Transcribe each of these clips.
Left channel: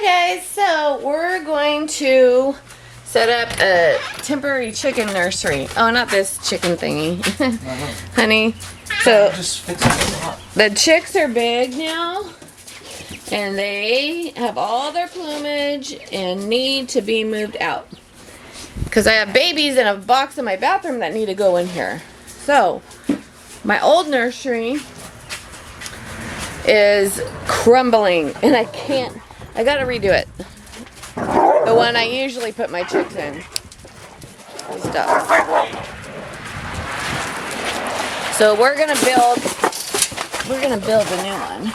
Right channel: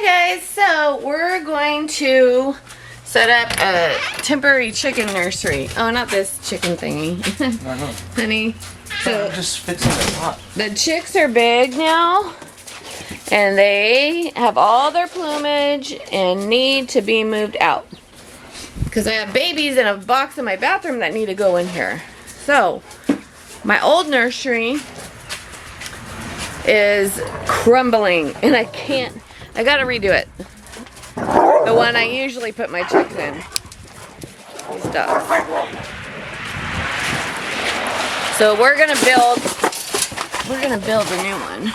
Hi guys, so we're going to set up a temporary chicken nursery. Oh, not this chicken thingy. Honey. So just fits in a lot. The chicks are big now and they have all their plumage and need to be moved out. Because I have babies in a box in my bathroom that need to go in here. So my old nursery is crumbling and I gotta redo it. The one I usually put my chicks in. These dogs. So we're gonna build a new one.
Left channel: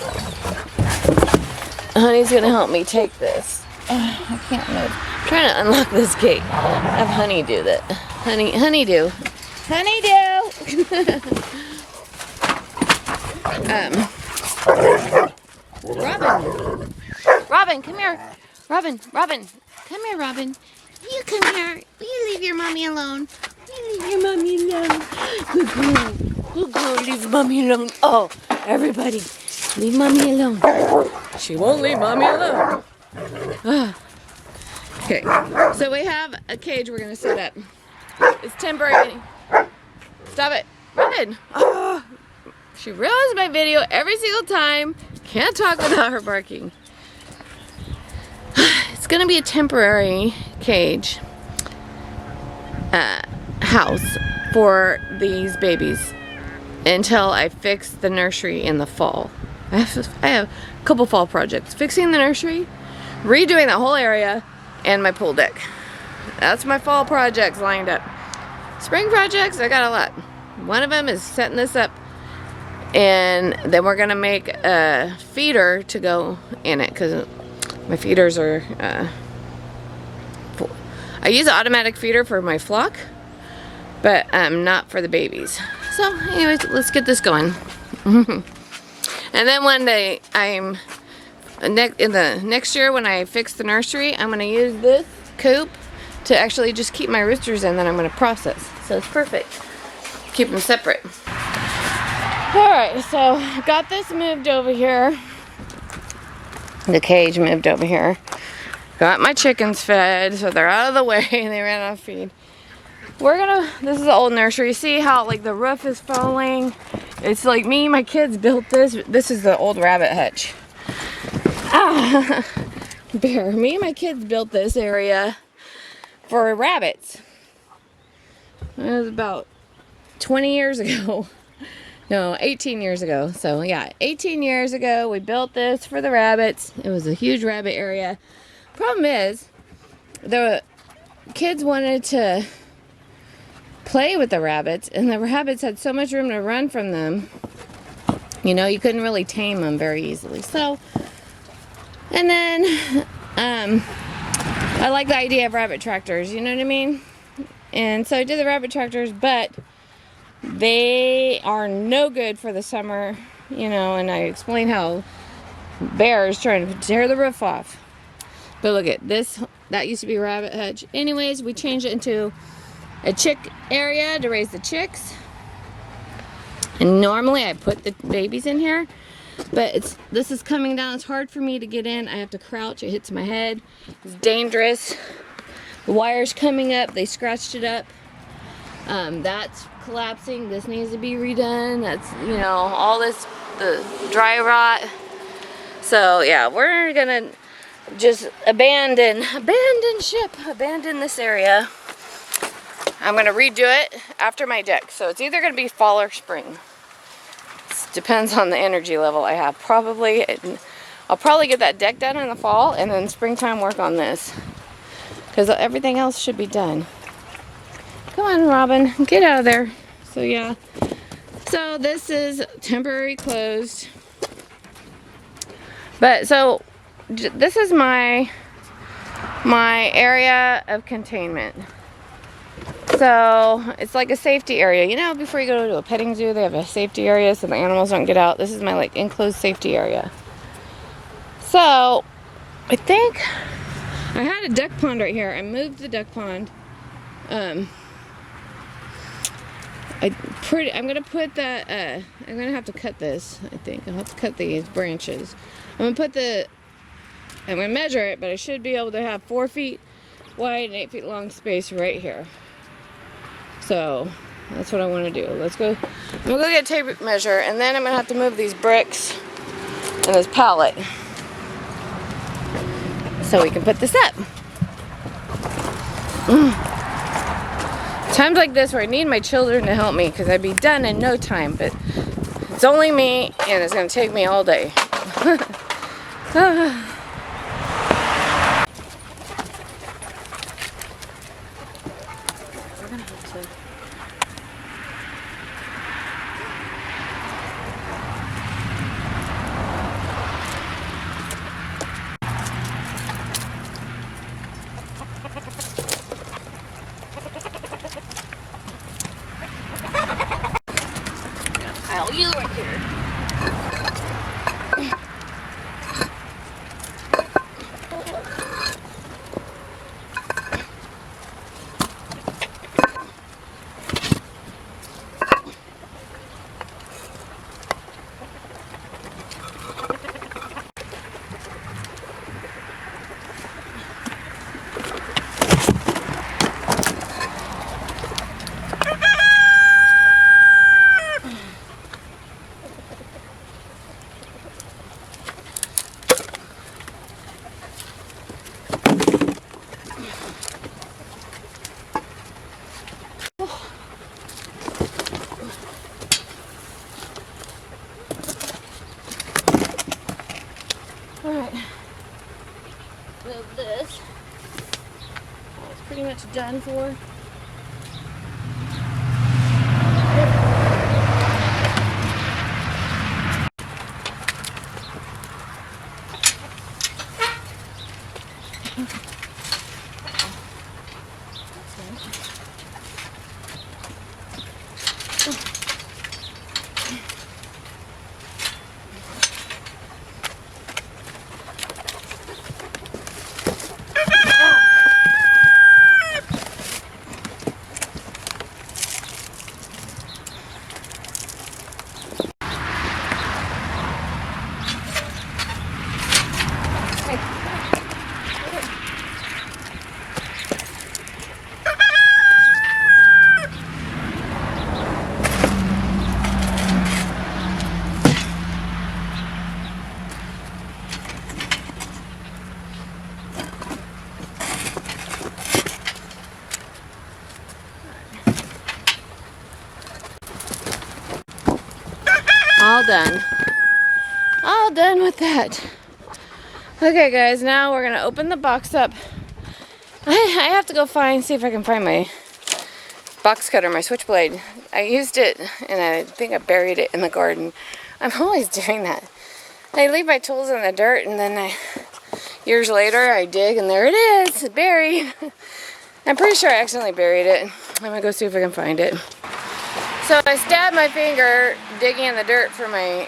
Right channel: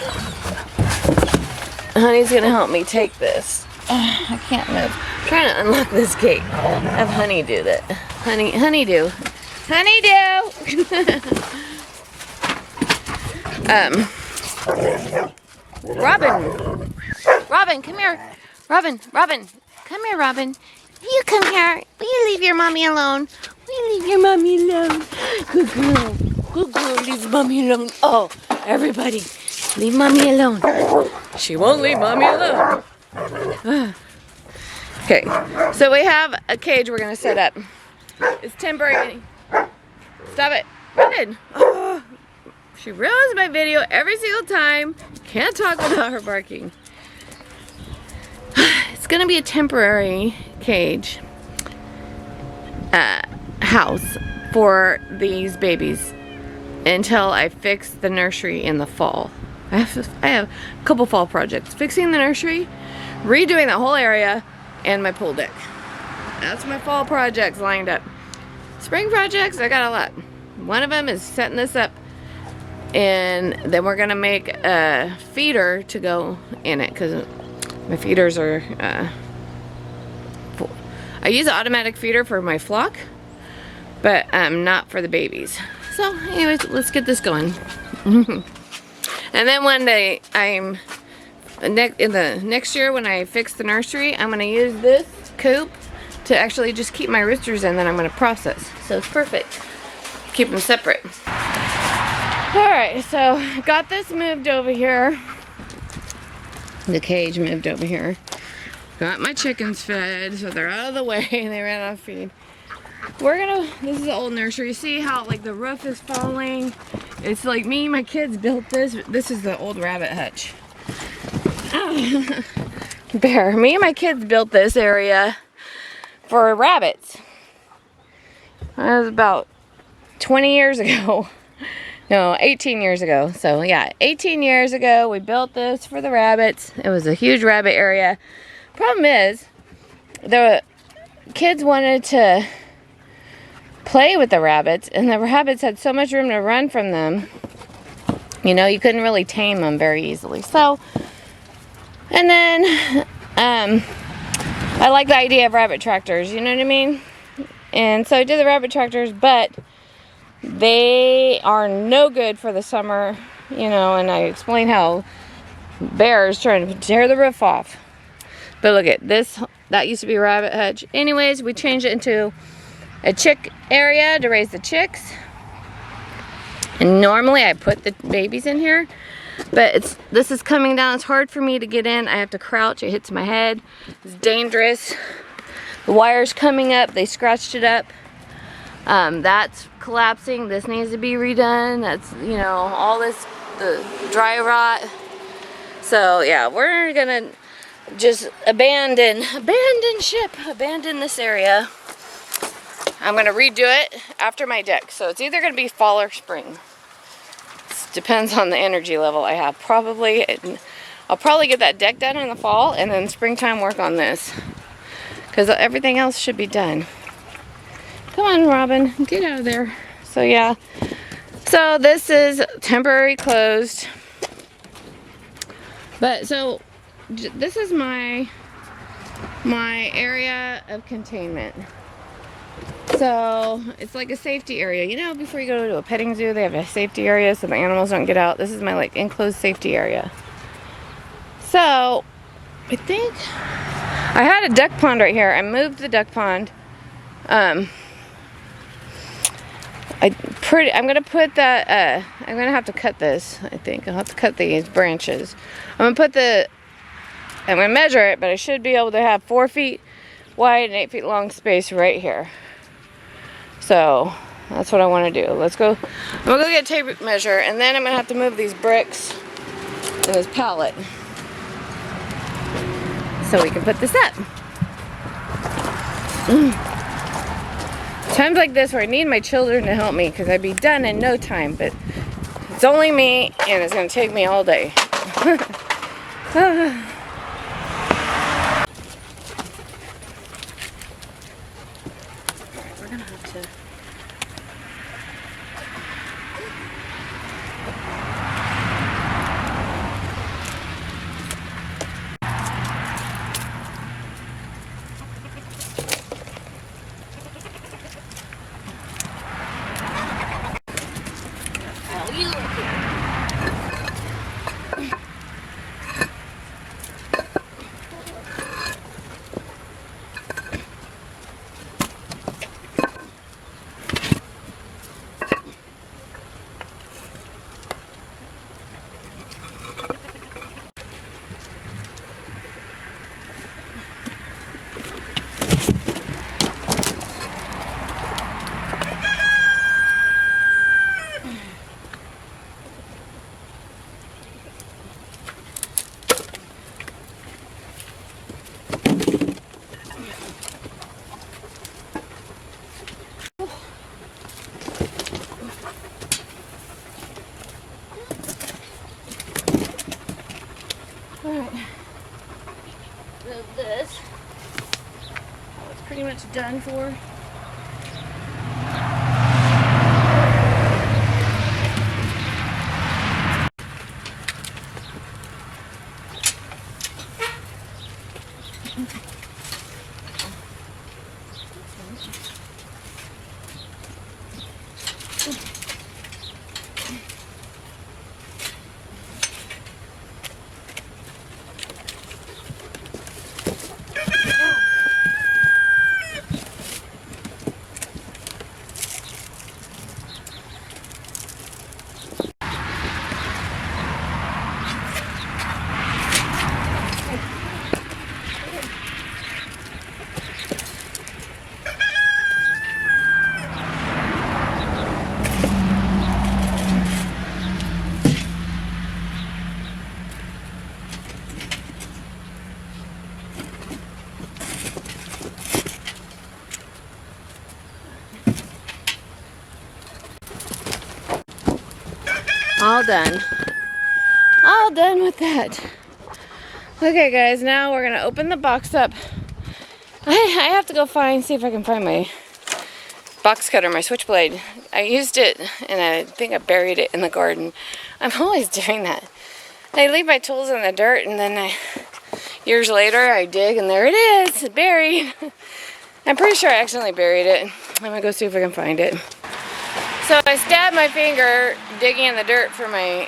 Honey's gonna help me take this. I can't move. I'm trying to unlock this gate. Have Honey do that. Honeydew. Robin, come here. Robin, come here, Robin. You come here. Will you leave your mommy alone? Will you leave your mommy alone? Good girl, leave mommy alone. Oh, everybody, leave mommy alone. She won't leave mommy alone. Okay, so we have a cage we're gonna set up. It's temporary. Stop it, Robin. Oh, she ruins my video every single time. Can't talk without her barking. It's gonna be a temporary cage house for these babies until I fix the nursery in the fall. I have a couple fall projects. Fixing the nursery, redoing the whole area, and my pool deck. That's my fall projects lined up. Spring projects, I got a lot. One of them is setting this up, and then we're gonna make a feeder to go in it because my feeders are full. I use an automatic feeder for my flock, but not for the babies. So anyways, let's get this going. And then one day, in the next year when I fix the nursery, I'm gonna use this coop to actually just keep my roosters in that I'm gonna process. So it's perfect. Keep them separate. All right, so got this moved over here. The cage moved over here. Got my chickens fed, so they're out of the way. They ran out of feed. This is the old nursery. See how like the roof is falling? It's like me and my kids built this. This is the old rabbit hutch. Bear. Me and my kids built this area for rabbits. That was about 20 years ago. No, 18 years ago. So yeah, 18 years ago we built this for the rabbits. It was a huge rabbit area. Problem is, the kids wanted to play with the rabbits, and the rabbits had so much room to run from them. You know, you couldn't really tame them very easily. So, and then I like the idea of rabbit tractors, you know what I mean? And so I did the rabbit tractors, but they are no good for the summer, you know, and I explained how bears trying to tear the roof off. But look at this, that used to be a rabbit hutch. Anyways, we changed it into a chick area to raise the chicks. And normally I put the babies in here, but this is coming down. It's hard for me to get in. I have to crouch, it hits my head. It's dangerous. The wire's coming up, they scratched it up. That's collapsing. This needs to be redone. That's, you know, all this, the dry rot. So yeah, we're gonna just abandon this area. I'm gonna redo it after my deck. So it's either gonna be fall or spring. It depends on the energy level I have. I'll probably get that deck done in the fall and then springtime work on this. Because everything else should be done. Come on, Robin, get out of there. So yeah, so this is temporary closed. But so this is my area of containment. So it's like a safety area. You know, before you go to a petting zoo, they have a safety area so the animals don't get out. This is my like enclosed safety area. So I think I had a duck pond right here. I moved the duck pond. I'm gonna put that, I'm gonna have to cut this, I think. I'll have to cut these branches. I'm gonna put the I'm going to measure it, but I should be able to have 4 feet wide and 8 feet long space right here. So that's what I want to do. Let's go. I'm going to go get a tape measure, and then I'm going to have to move these bricks and this pallet so we can put this up. Times like this where I need my children to help me because I'd be done in no time, but it's only me and it's going to take me all day. Alright, we're going to have to... pile you right here. Alright, move this. Oh, it's pretty much done for. All done. All done with that. Okay guys, now we're gonna open the box up. I have to go see if I can find my box cutter, my switchblade. I used it and I think I buried it in the garden. I'm always doing that. I leave my tools in the dirt and then years later I dig and there it is, it's buried. I'm pretty sure I accidentally buried it. I'm gonna go see if I can find it. So I stabbed my finger digging in the dirt for my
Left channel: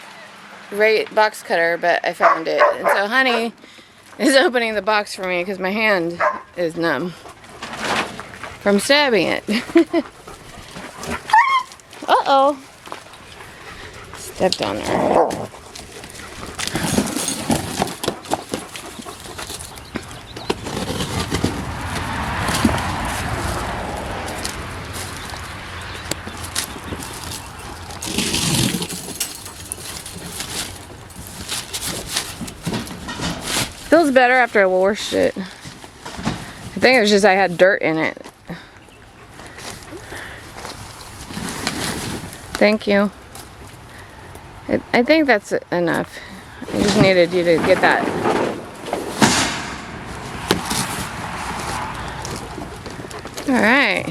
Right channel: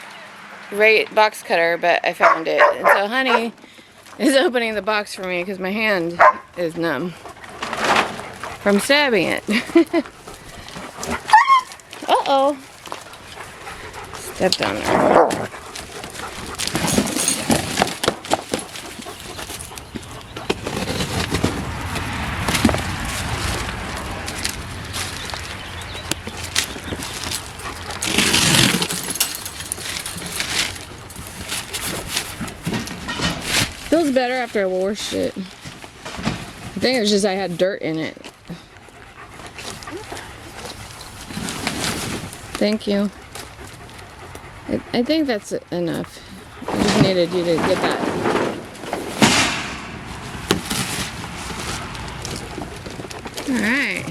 box cutter, but I found it. And so Honey is opening the box for me because my hand is numb from stabbing it. Uh-oh. Stepped on her. Feels better after I washed it. I think it was just I had dirt in it. Thank you. I think that's enough. I just needed you to get that. Alright.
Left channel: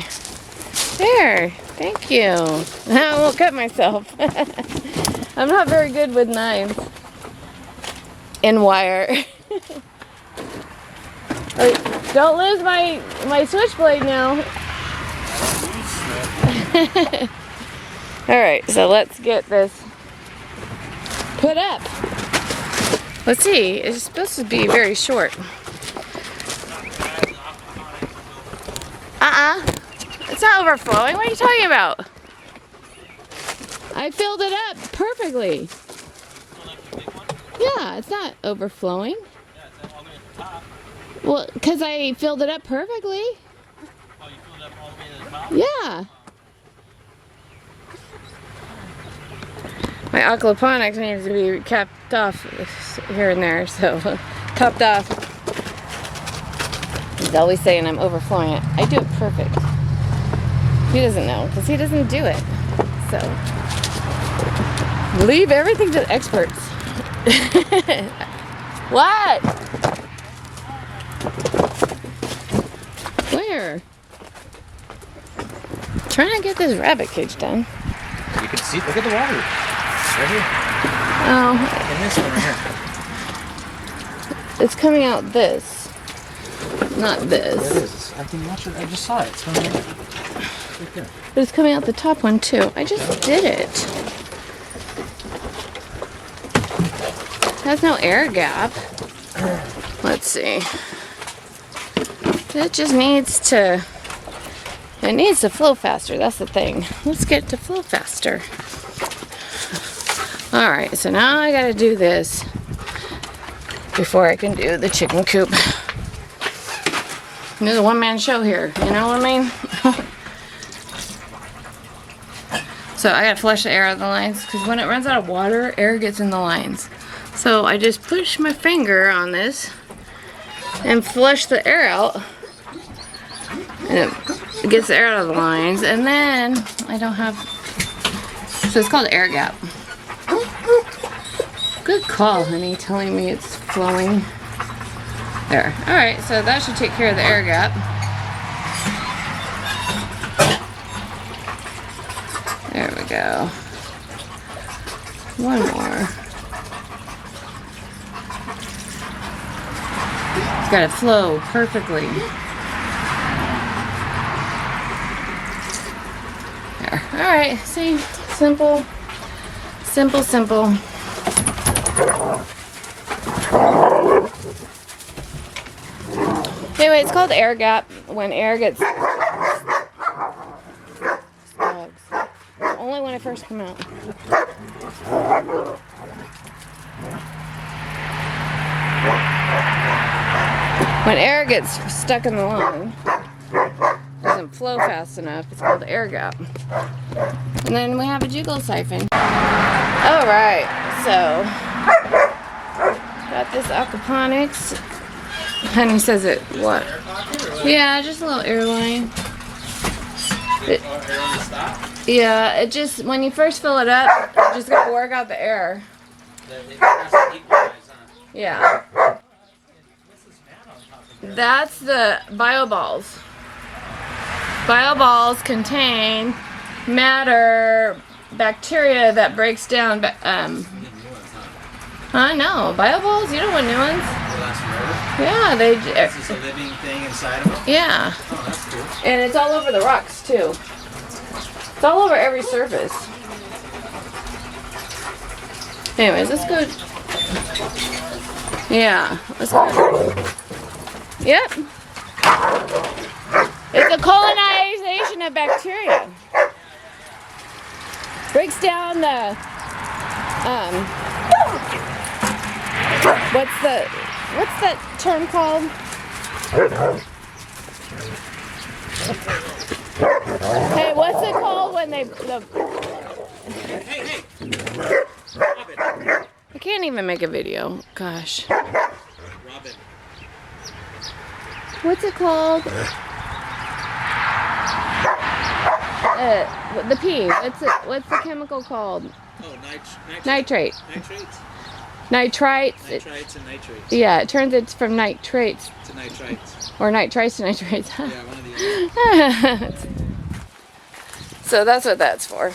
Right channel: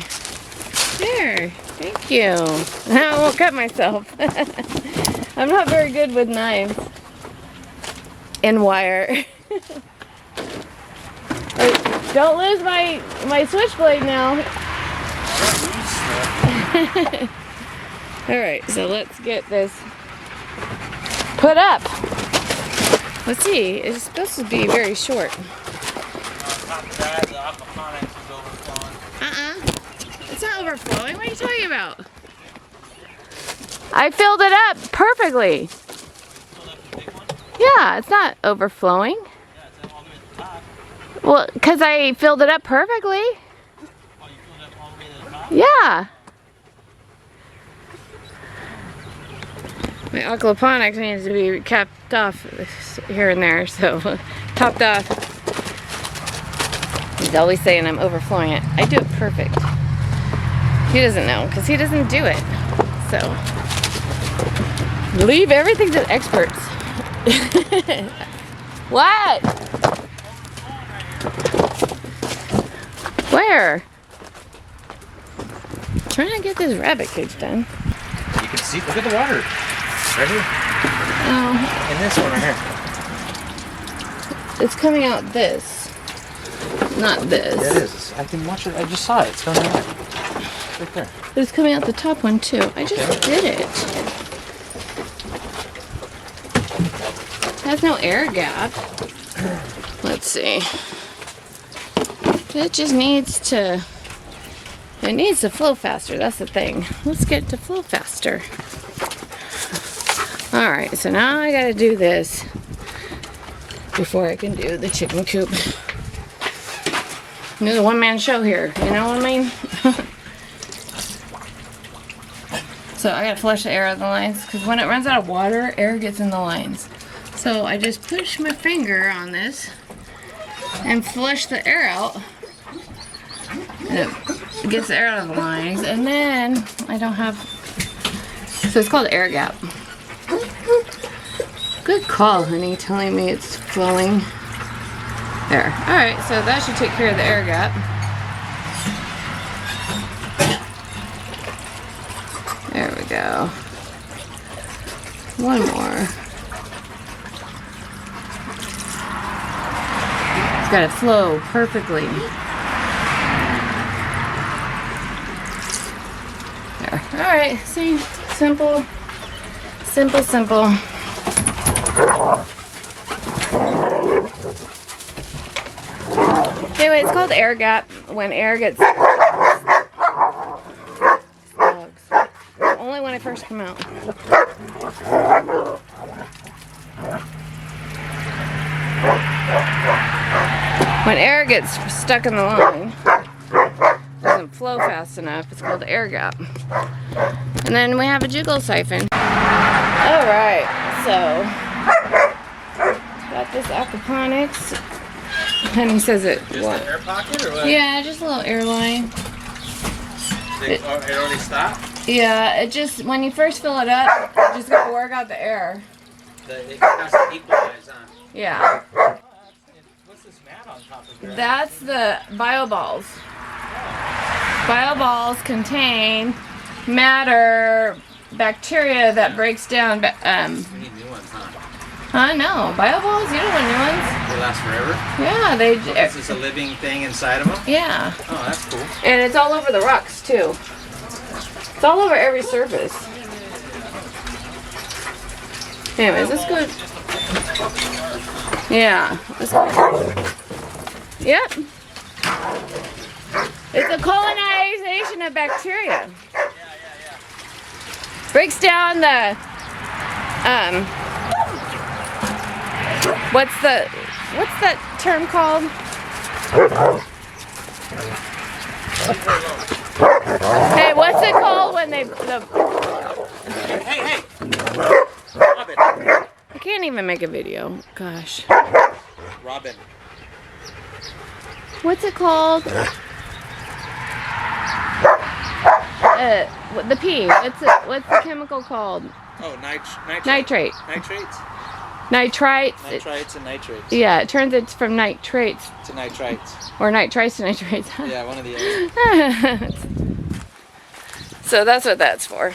There. Thank you. I won't cut myself. I'm not very good with knives and wire. Don't lose my switchblade now. Alright, so let's get this put up. Let's see, it's supposed to be very short. It's not overflowing. What are you talking about? I filled it up perfectly. Yeah, it's not overflowing. Yeah, it's all the way top. Well, because I filled it up perfectly. Oh, you filled it up all the way to the top? Yeah. My aquaponics needs to be capped off here and there, so topped off. He's always saying I'm overflowing it. I do it perfect. He doesn't know because he doesn't do it. So leave everything to the experts. What? Where? Trying to get this rabbit cage done. You can see, look at the water. Right here. Oh. And this one right here. It's coming out this. Not this. Yeah, it is. I can watch it. I just saw it. It's coming out. Right there. But it's coming out the top one too. I just did it. It has no air gap. Let's see. It just needs to, it needs to flow faster. That's the thing. Let's get to flow faster. All right, so now I gotta do this before I can do the chicken coop. There's a one-man show here, you know what I mean? So I gotta flush the air out of the lines because when it runs out of water, air gets in the lines. So I just push my finger on this and flush the air out. And it gets the air out of the lines, and then I don't have, so it's called air gap. Good call, honey, telling me it's flowing. There. Alright, so that should take care of the air gap. There we go. One more. It's got to flow perfectly. There. Alright, see? Simple. Simple, simple. Anyway, it's called air gap when air gets slugs. Only when I first come out. When air gets stuck in the line, doesn't flow fast enough, it's called air gap. And then we have a jiggle siphon. Alright, so got this aquaponics. Honey says it, what? Air pocket or what? Yeah, just a little air line. It only stopped? Yeah, it just, when you first fill it up, you just gotta work out the air. It has to equalize, huh? Yeah. What's this mat on top of that? That's the bio balls. Bio balls contain matter, bacteria that breaks down, You need new ones, huh? no, bio balls, you don't want new ones. They last forever? Yeah, This is a living thing inside of them? yeah. Oh, that's cool. And it's all over the rocks too. It's all over every surface. Anyways, let's go. Yeah, let's go. Yep. It's a colonization of bacteria. Breaks down the, what's that term called? Hey, what's it called when they, Hey! Robin. I can't even make a video. Gosh. Robin. What's it called? The P. What's the chemical called? Oh, nitrate. Nitrate. Nitrates? Nitrites. Nitrites and nitrates. Yeah, it turns it from nitrates To nitrites. or nitrites to nitrates. Yeah, one of the other. So that's what that's for.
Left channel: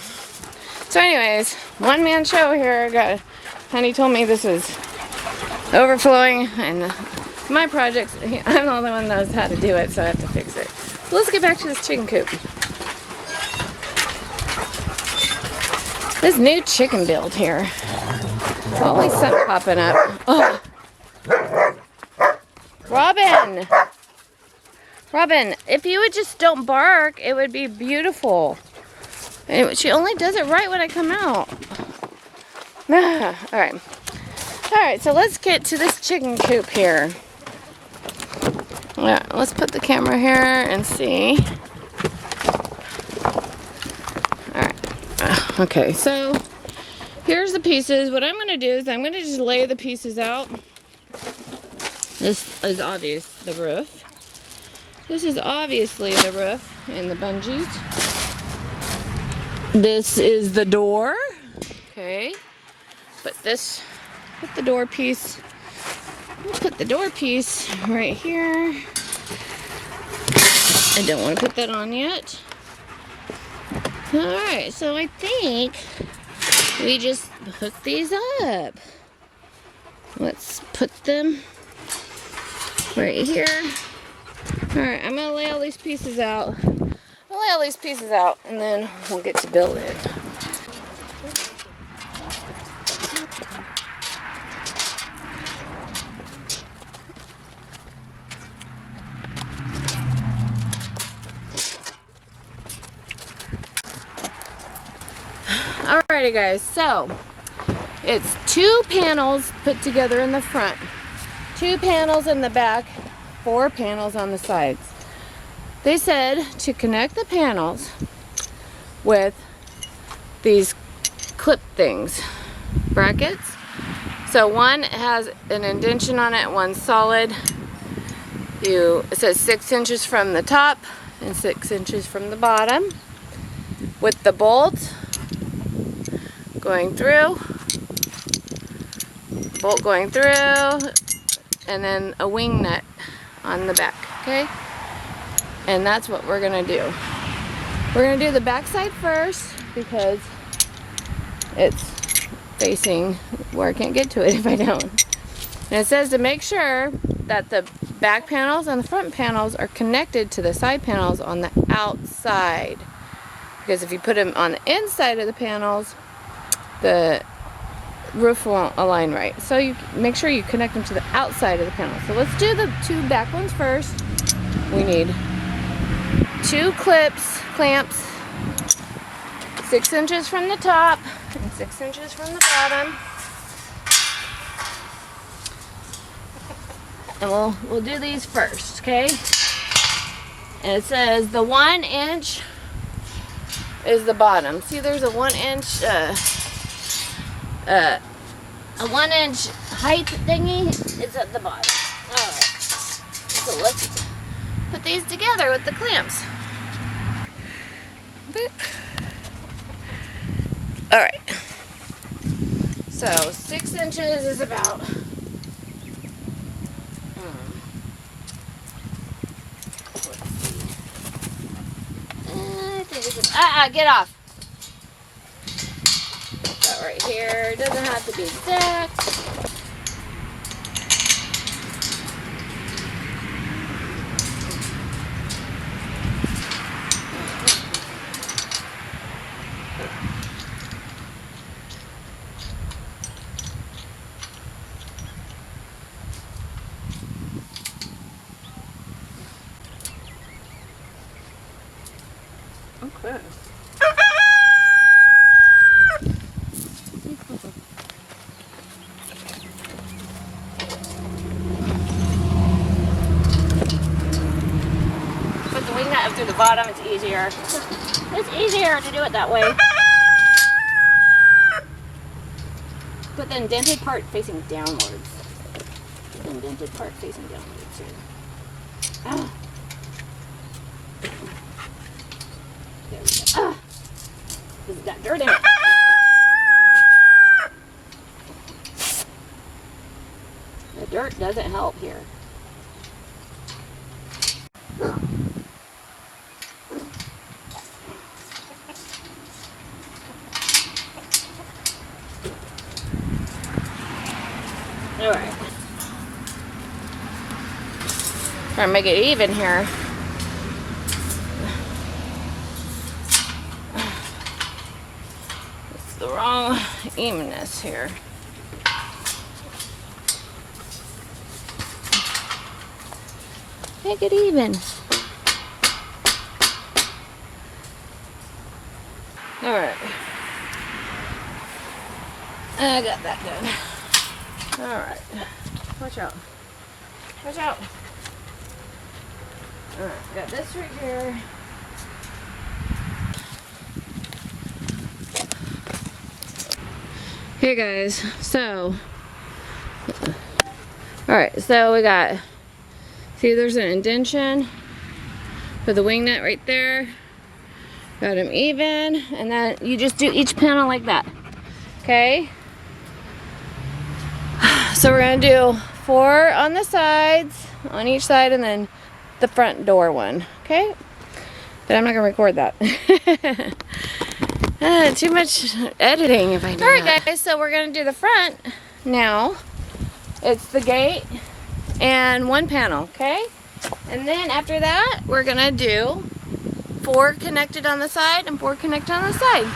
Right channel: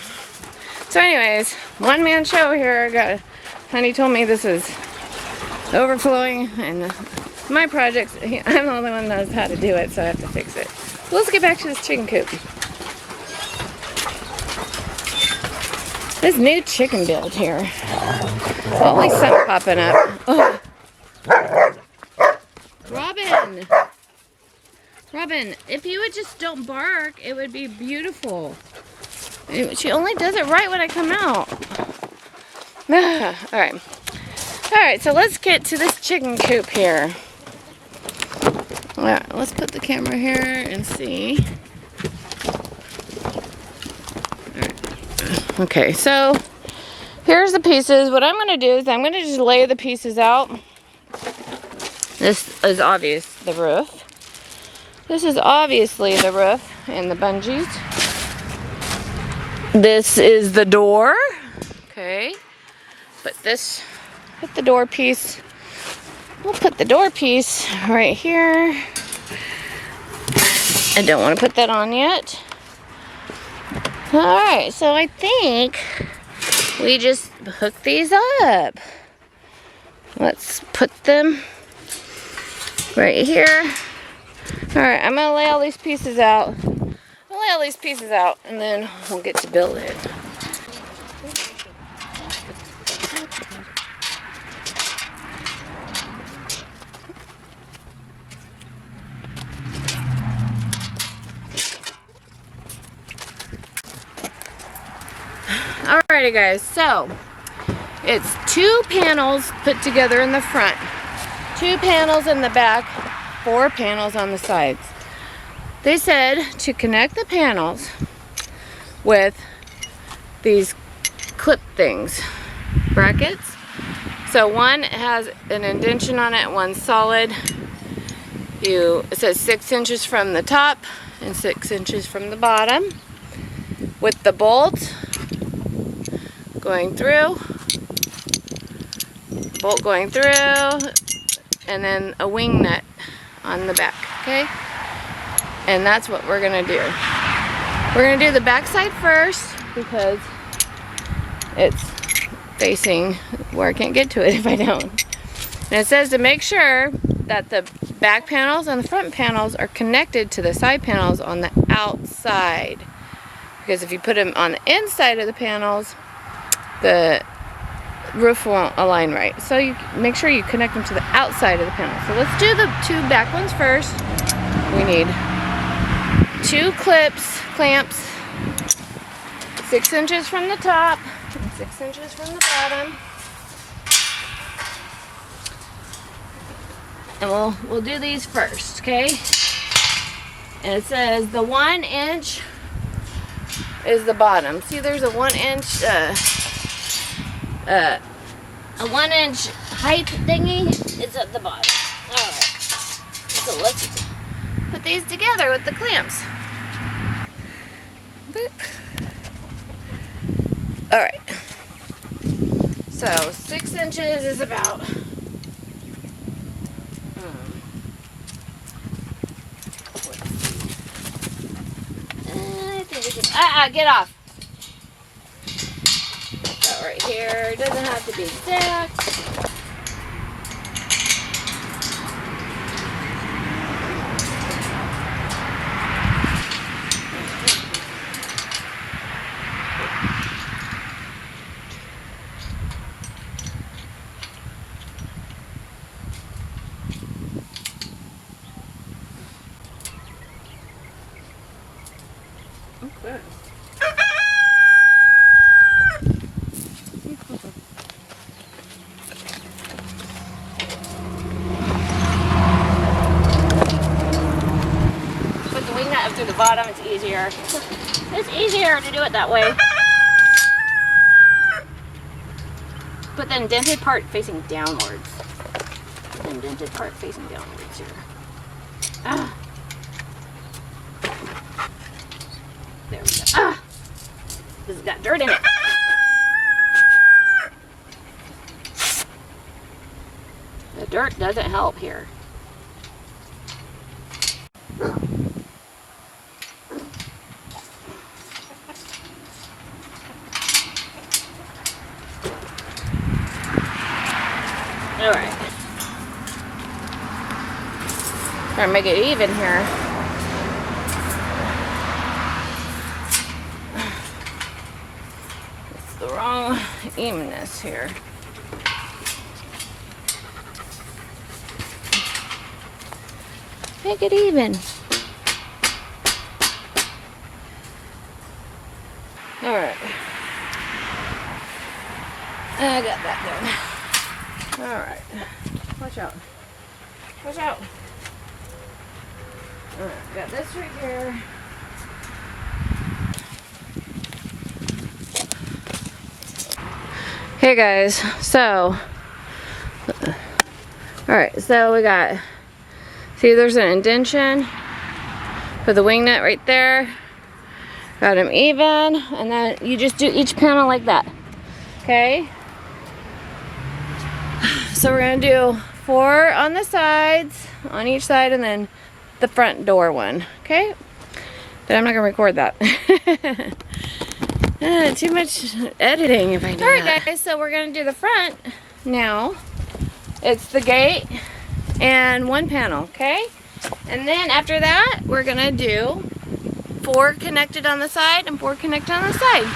So anyways, one man show here. Honey told me this was overflowing and it's my project. I'm the only one that knows how to do it, so I have to fix it. So let's get back to this chicken coop. This new chicken build here. Always something popping up. Oh. Robin, if you would just don't bark, it would be beautiful. And she only does it right when I come out. Alright, so let's get to this chicken coop here. Alright, let's put the camera here and see. Alright. Okay, so here's the pieces. What I'm going to do is I'm going to just lay the pieces out. This is obvious, the roof. This is obviously the roof and the bungees. This is the door. Okay. Put the door piece. We'll put the door piece right here. I don't want to put that on yet. Alright, so I think we just hook these up. Let's put them right here. Alright, I'm going to lay all these pieces out. I'll lay all these pieces out and then we'll get to build it. Alrighty guys, so it's 2 panels put together in the front, 2 panels in the back, 4 panels on the sides. They said to connect the panels with these clip things, brackets. So one has an indentation on it, one's solid. It says 6 inches from the top and 6 inches from the bottom, with the bolt going through, bolt going through, and then a wing nut on the back, okay? And that's what we're gonna do. We're gonna do the back side first because it's facing where I can't get to it if I don't. And it says to make sure that the back panels and the front panels are connected to the side panels on the outside. Because if you put them on the inside of the panels, the roof won't align right. So you make sure you connect them to the outside of the panel. So let's do the 2 back ones first. We need 2 clamps, 6 inches from the top and 6 inches from the bottom. And we'll do these first, okay? And it says the 1 inch is the bottom. See, there's a 1 inch a 1 inch height thingy. It's at the bottom. Alright. So let's put these together with the clamps. Boop. Alright. So 6 inches is about let's see. I think we can get off. That right here. It doesn't have to be exact. Okay. Put the wing nut up through the bottom, it's easier. It's easier to do it that way. Put the indented part facing downwards. Put the indented part facing downwards here. Ah. There we go. Ah! This has got dirt in it. The dirt doesn't help here. Alright. Try to make it even here. It's the wrong evenness here. Make it even. Alright. I got that done. Alright. Watch out. Watch out. Alright, got this right here. Hey guys, so alright, so we got, see there's an indentation for the wing nut right there. Got them even, and then you just do each panel like that. Okay? So we're gonna do 4 on the sides, on each side, and then the front door one. Okay? But I'm not gonna record that. Too much editing if I do. Alright guys, so we're gonna do the front now. It's the gate and 1 panel, okay? And then after that, we're gonna do 4 connected on the side and 4 connected on the side.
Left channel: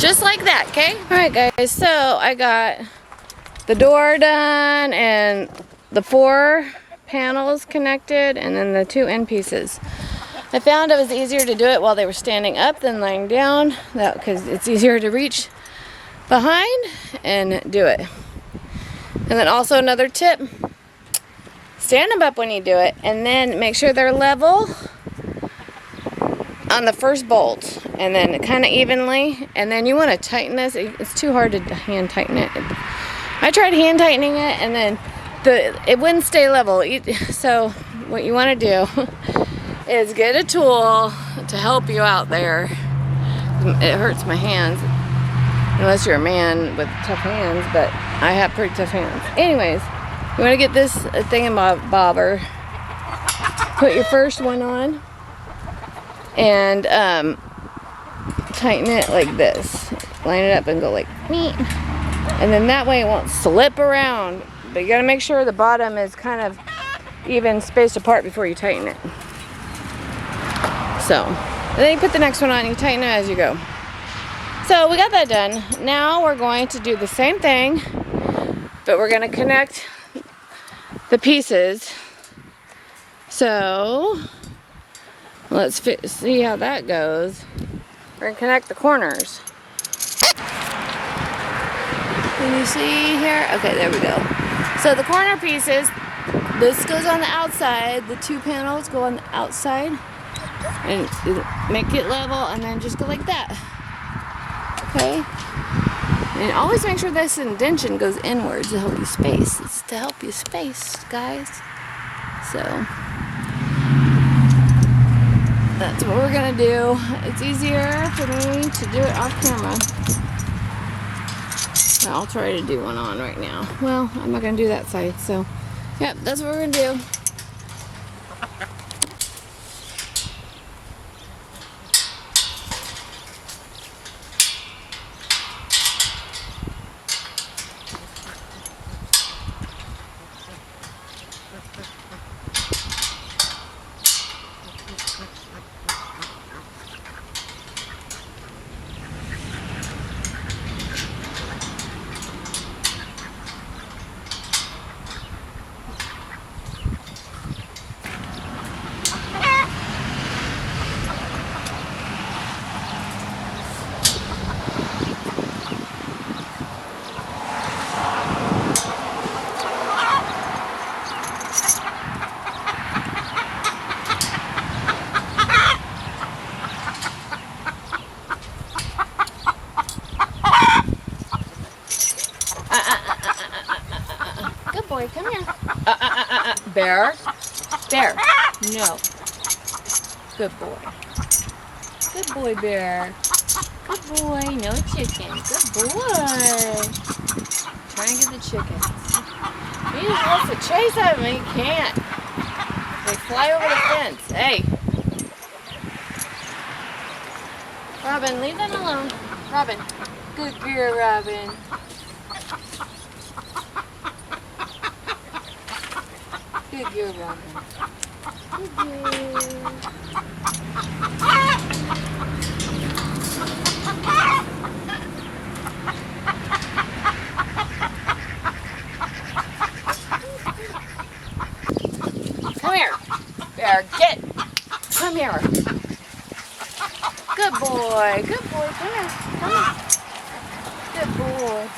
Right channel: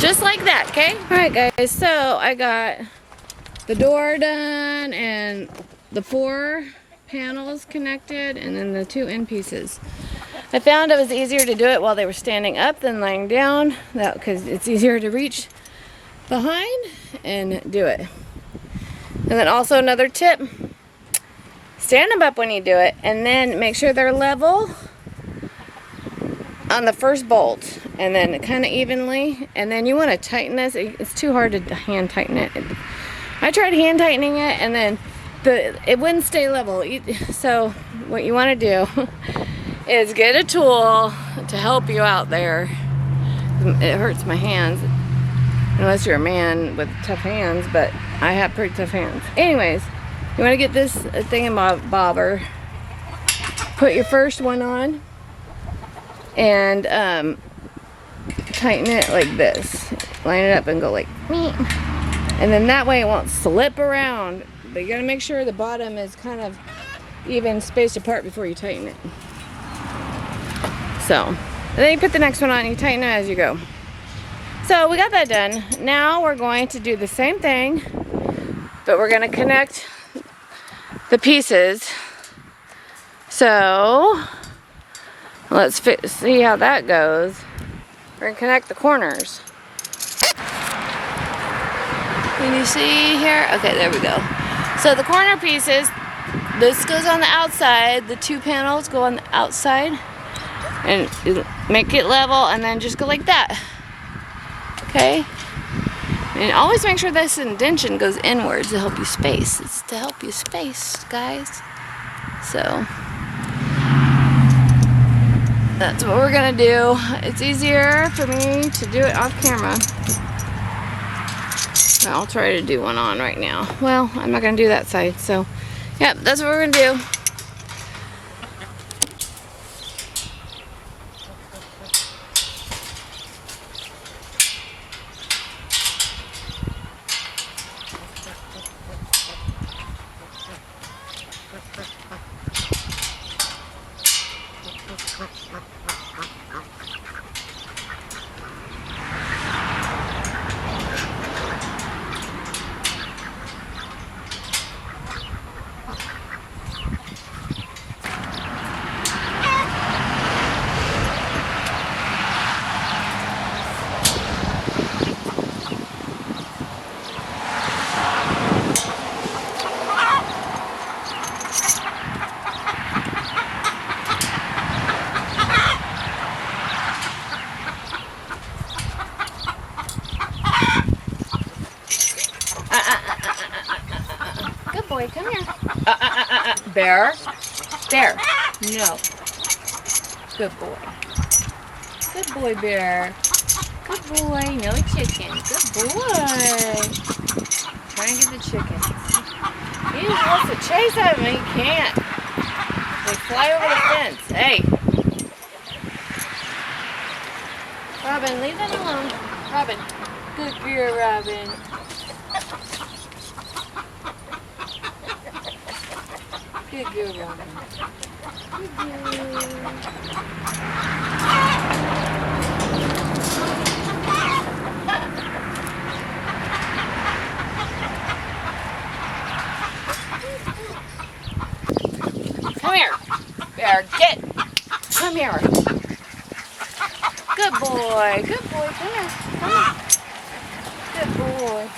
Just like that, okay? Alright guys, so I got the door done and the 4 panels connected and then the 2 end pieces. I found it was easier to do it while they were standing up than lying down, because it's easier to reach behind and do it. And then also another tip, stand them up when you do it and then make sure they're level on the first bolt and then kind of evenly, and then you want to tighten this. It's too hard to hand tighten it. I tried hand tightening it and then it wouldn't stay level. So what you want to do is get a tool to help you out there. It hurts my hands unless you're a man with tough hands, but I have pretty tough hands. Anyways, you want to get this thingamabobber, put your first one on and tighten it like this. Line it up and go like me, and then that way it won't slip around. But you gotta make sure the bottom is kind of even spaced apart before you tighten it. So, and then you put the next one on and you tighten it as you go. So we got that done. Now we're going to do the same thing, but we're gonna connect the pieces. So let's see how that goes. We're gonna connect the corners. Can you see here? Okay, there we go. So the corner pieces, this goes on the outside, the 2 panels go on the outside, and make it level, and then just go like that. Okay? And always make sure this indentation goes inwards to help you space. It's to help you space, guys. So that's what we're gonna do. It's easier for me to do it off camera. I'll try to do one on right now. Well, I'm not gonna do that side, so yeah, that's what we're gonna do. Good boy, come here. Bear. Bear. No. Good boy. Good boy, Bear. Good boy. No chicken. Good boy. Try and get the chickens. He just wants to chase at them and he can't. They fly over the fence. Hey. Robin, leave them alone. Robin. Good girl, Robin. Good girl, Robin. Good girl. Come here. Bear, get. Come here. Good boy. Good boy. Come here. Come here. Good boy.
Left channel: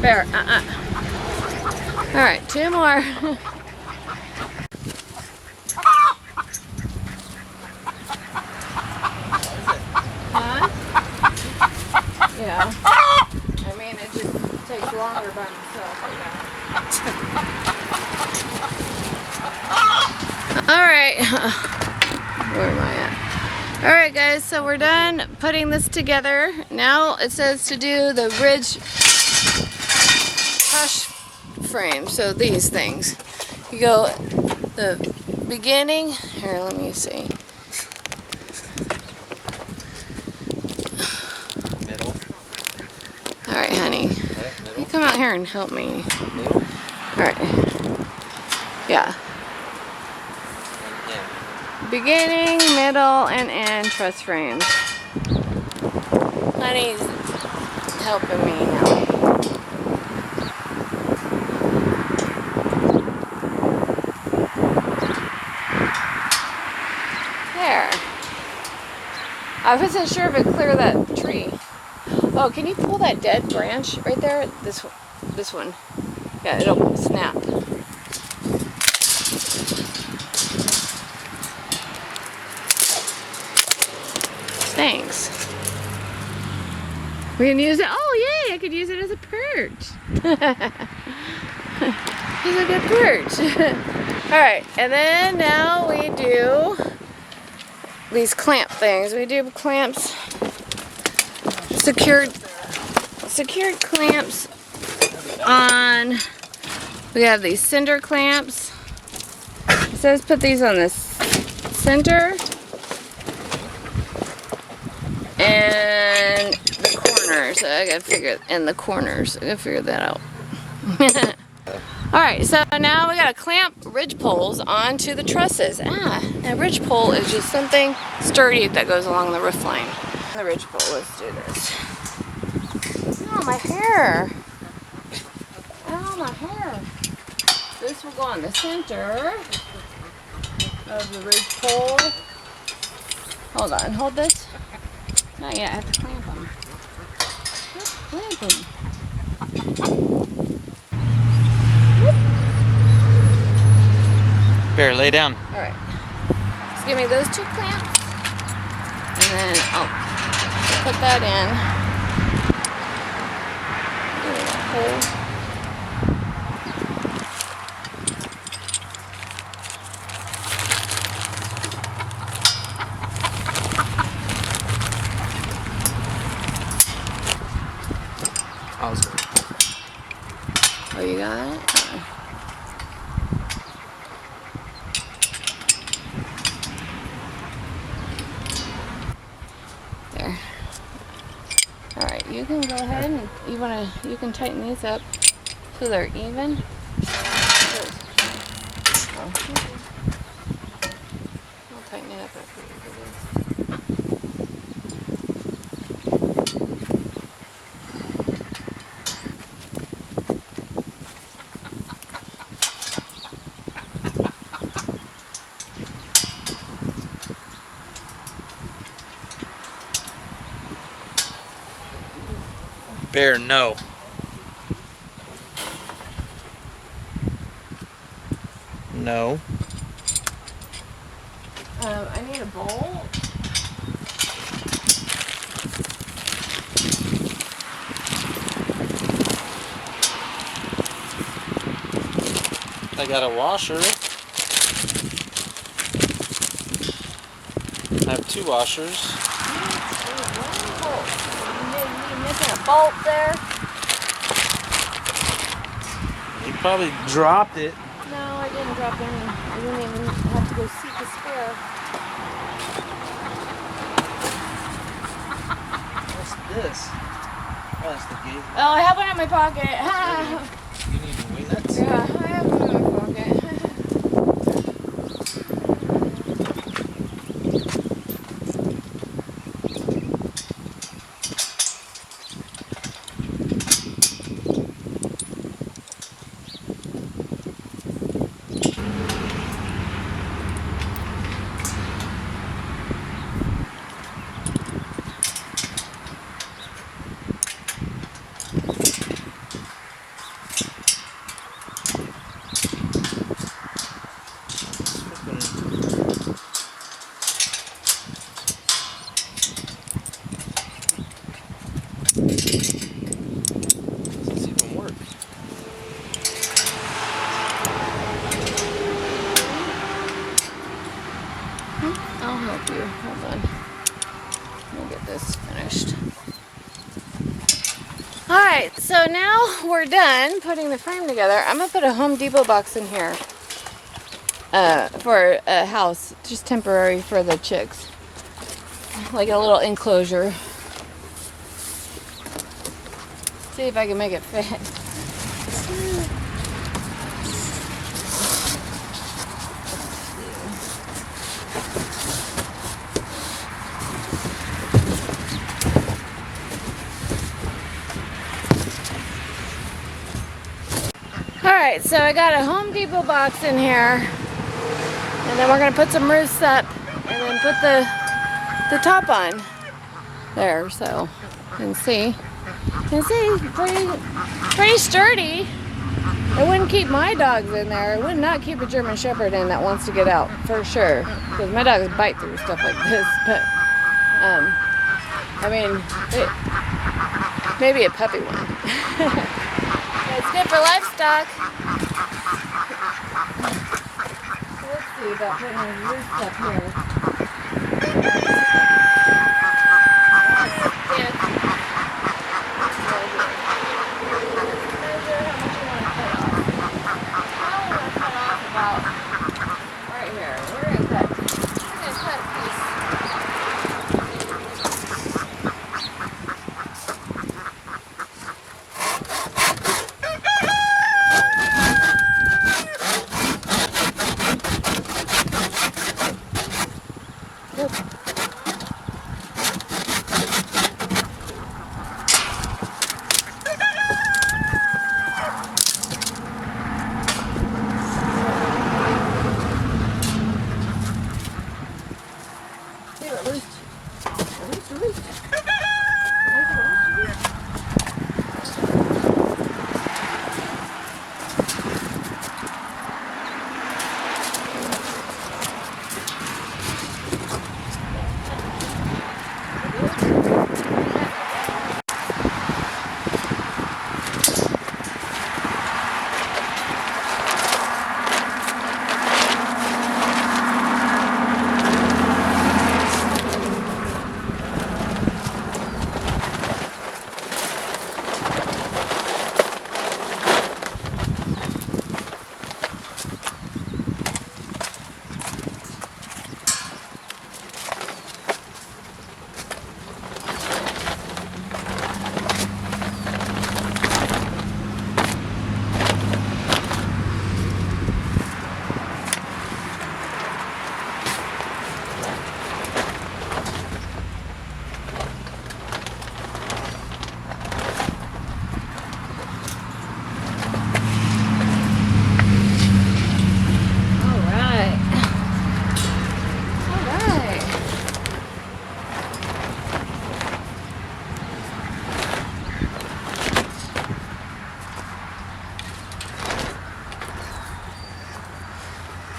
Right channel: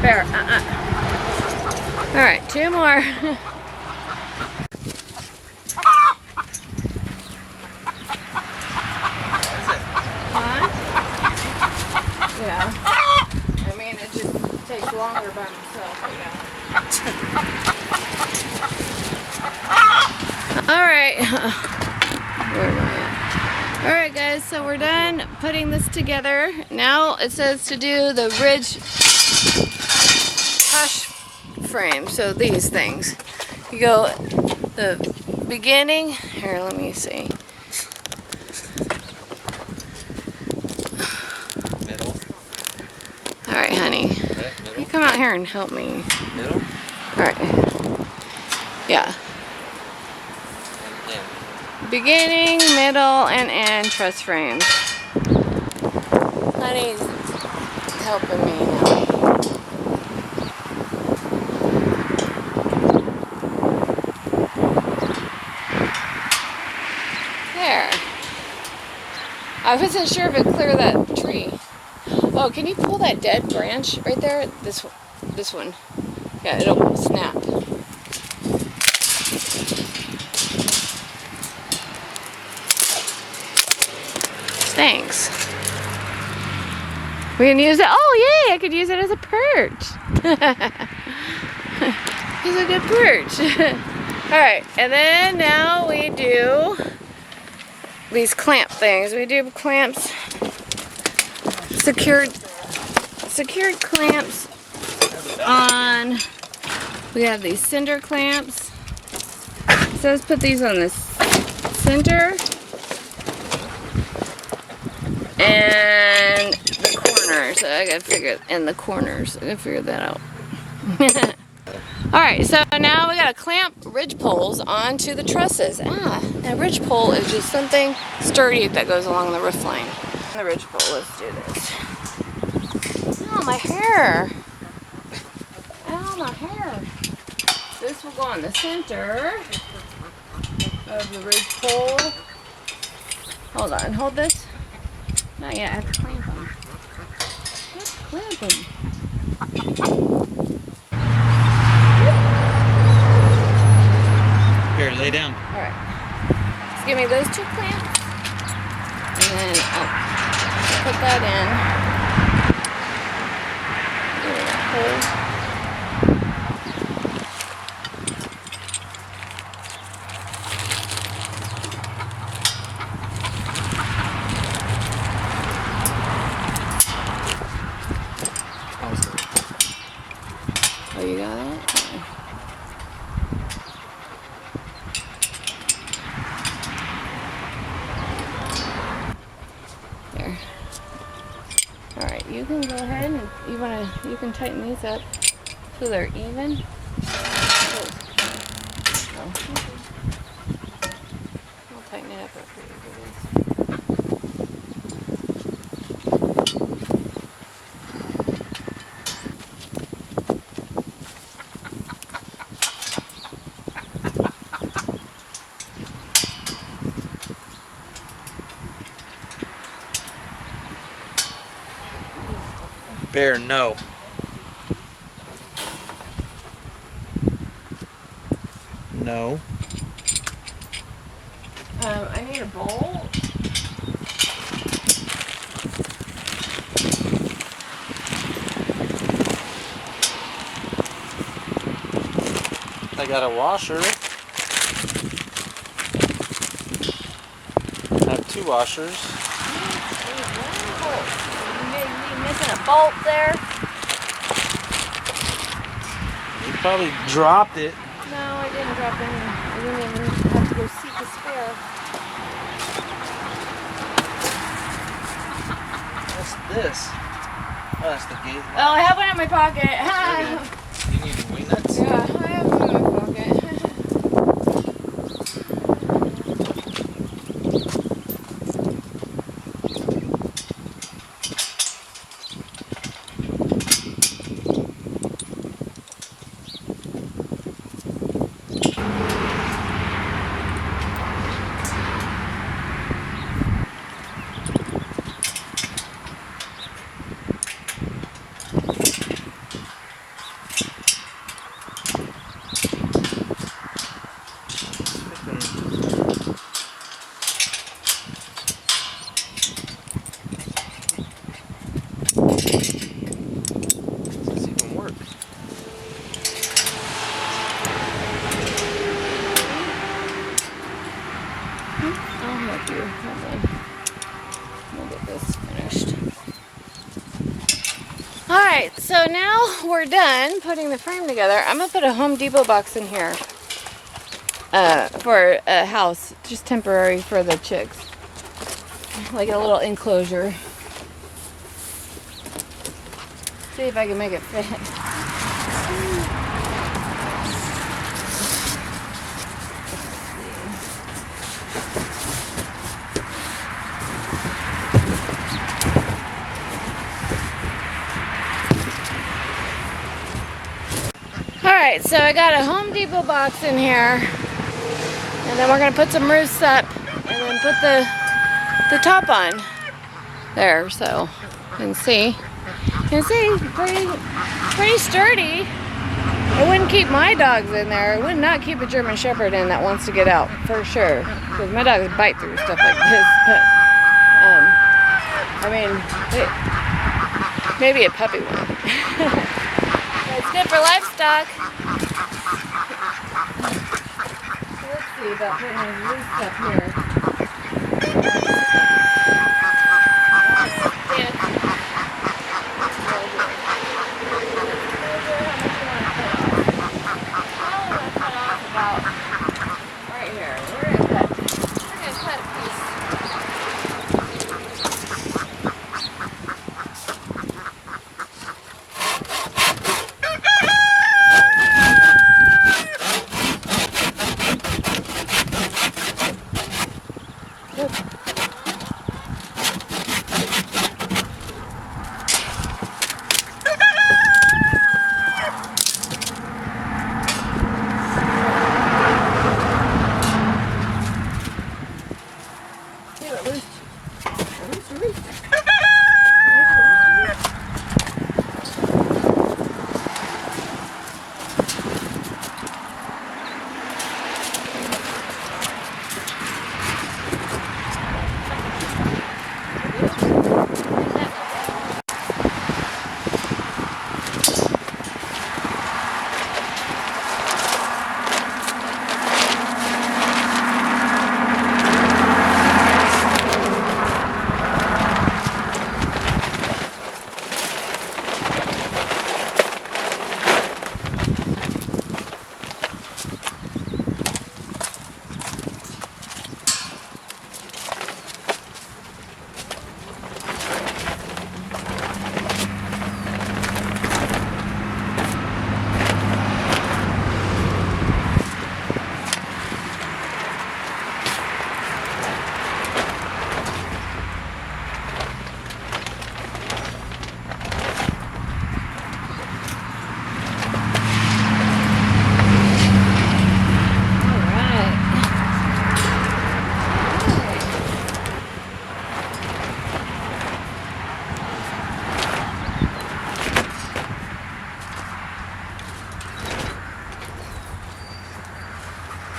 Bear, All right, 2 more. Huh? Yeah. I mean, it just takes longer by myself, but yeah. All right. Where am I at? All right, guys, so we're done putting this together. Now it says to do the ridge hush frame. So these things. You go the beginning. Here, let me see. Middle. All right, honey. Middle. You come out here and help me. Middle. All right. Yeah. Beginning, middle, and end truss frames. Honey's helping me now. There. I wasn't sure if it'd clear that tree. Oh, can you pull that dead branch right there? This one. Yeah, it'll snap. Thanks. We can use it. Oh, yay! I could use it as a perch. It's a good perch. All right, and then now we do these clamp things. We do clamps, secured clamps on. We have these cinder clamps. So let's put these on the center. And the corners. I gotta figure in the corners. I gotta figure that out. Alright, so now we gotta clamp ridge poles onto the trusses. A ridge pole is just something sturdy that goes along the roof line. The ridge pole, let's do this. Oh, my hair. Oh, my hair. This will go on the center of the ridge pole. Hold on, hold this. Not yet, I have to clamp them. Let's clamp them. Bear, lay down. Alright. Just give me those 2 clamps. And then I'll put that in. Give me that hole. Oh, you got it? There. Alright, you can go ahead and you can tighten these up so they're even. Oh. I'll tighten it up real quick. Bear, no. No. I need a bowl. I got a washer. I have 2 washers. One bolt. You missing a bolt there? You probably dropped it. No, I didn't drop any. I didn't even have to go seek a spare. What's this? Oh, that's the gate. Oh, I have one in my pocket. You need to mean that? Yeah, I have one in my pocket. Alright, so now we're done putting the frame together. I'm going to put a Home Depot box in here for a house, just temporary for the chicks. Like a little enclosure. See if I can make it fit. Alright, so I got a Home Depot box in here. And then we're going to put some roofs up. And then put the top on. There, so you can see. You can see, pretty sturdy. It wouldn't keep my dogs in there. It would not keep a German Shepherd in that wants to get out, for sure. Because my dogs bite through stuff like this. But, I mean, maybe a puppy one. It's good for livestock. So let's see about putting a loose stuff here. Measure how much you want to cut off. I want to cut off about right here. We're gonna cut a piece.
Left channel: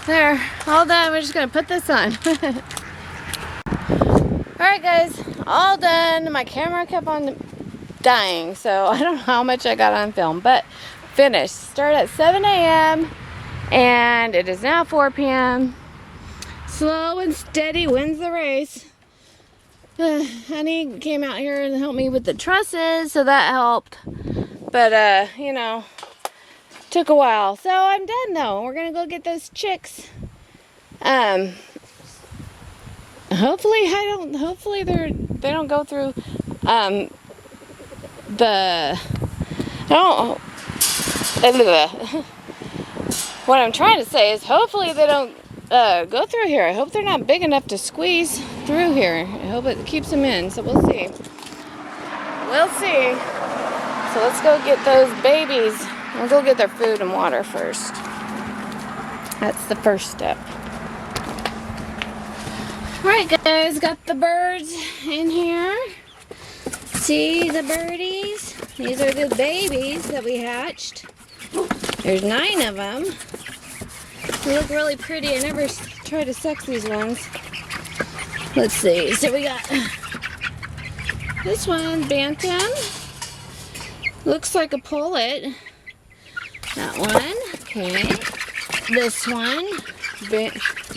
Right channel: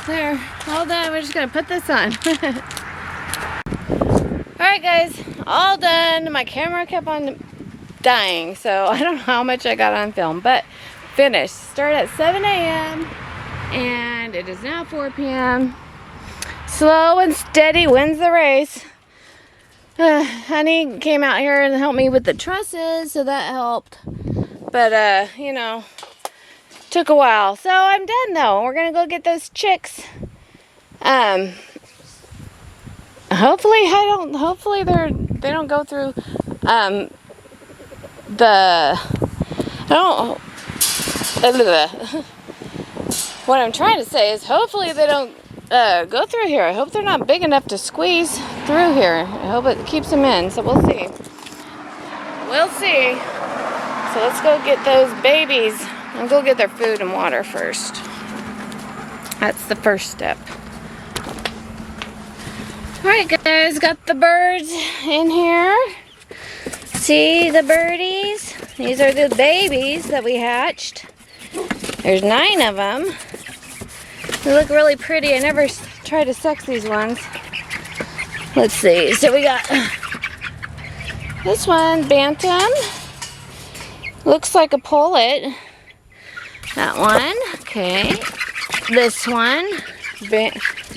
There, all done. We're just gonna put this on. Alright guys, all done. My camera kept on dying, so I don't know how much I got on film, but finished. Started at 7 a.m. and it is now 4 p.m. Slow and steady wins the race. Honey came out here and helped me with the trusses, so that helped. But, you know, took a while. So I'm done though. We're gonna go get those chicks. Hopefully they don't go through what I'm trying to say is hopefully they don't go through here. I hope they're not big enough to squeeze through here. I hope it keeps them in, so we'll see. We'll see. So let's go get those babies. I'll go get their food and water first. That's the first step. Alright guys, got the birds in here. See the birdies? These are the babies that we hatched. There's 9 of them. They look really pretty. I never tried to sex these ones. Let's see. So we got this one, Bantam. Looks like a pullet. That one. Okay. This one.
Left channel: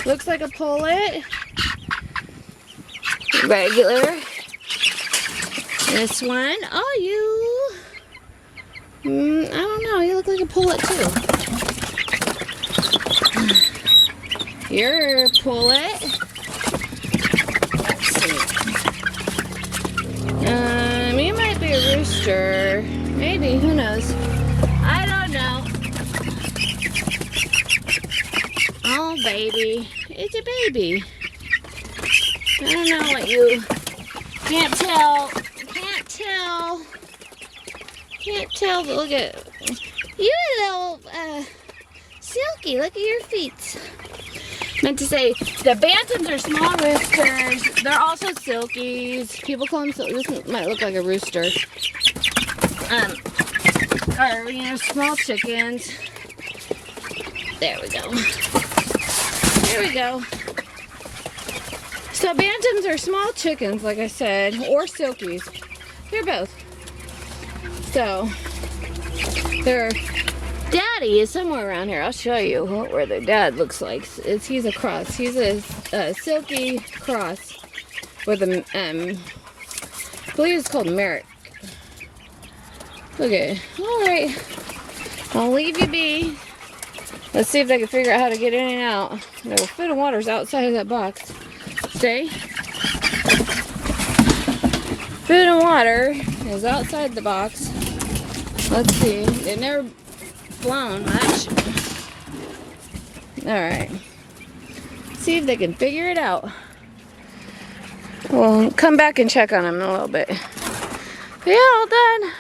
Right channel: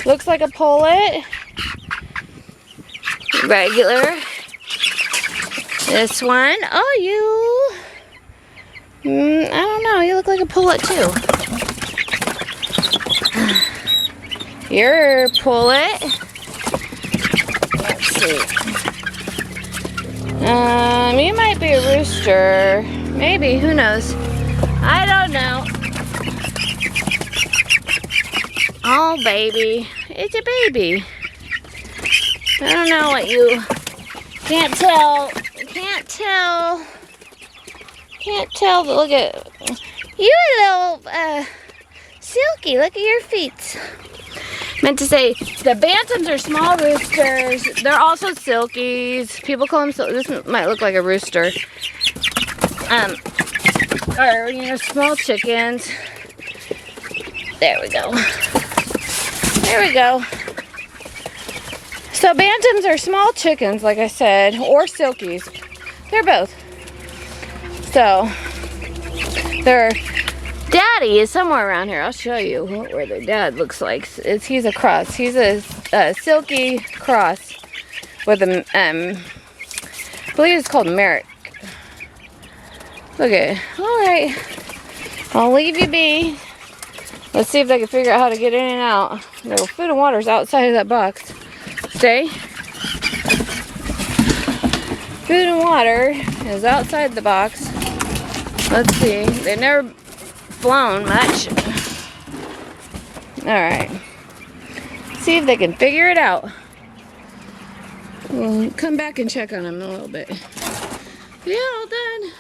Looks like a pullet. Regular. This one. Oh, you. I don't know. You look like a pullet too. You're a pullet. Let's see. You might be a rooster. Maybe. Who knows? I don't know. Oh, baby. It's a baby. I don't know what you... Can't tell. Can't tell. Can't tell, but look at... You a little, silky. Look at your feet. Meant to say, the bantams are small roosters. They're also silkies. People call them silkies. This might look like a rooster. Or, you know, small chickens. There we go. There we go. So bantams are small chickens, like I said, or silkies. They're both. So, their daddy is somewhere around here. I'll show you where their dad looks like. He's a cross. He's a silky cross with a, I believe it's called Merrick. Look at it. All right. I'll leave you be. Let's see if they can figure out how to get in and out. No, food and water's outside of that box. Stay. Food and water is outside the box. Let's see. They've never flown much. Alright. See if they can figure it out. We'll come back and check on them in a little bit. Yeah, all done.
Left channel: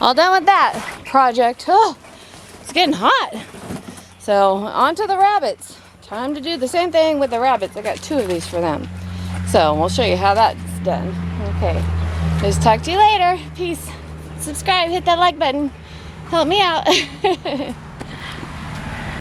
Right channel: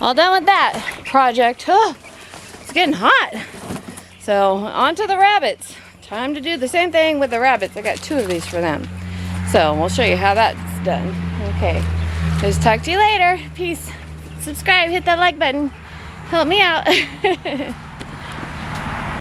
All done with that project. Oh, it's getting hot. So, on to the rabbits. Time to do the same thing with the rabbits. I got 2 of these for them. So, we'll show you how that's done. Okay. Just talk to you later. Peace. Subscribe, hit that like button. Help me out.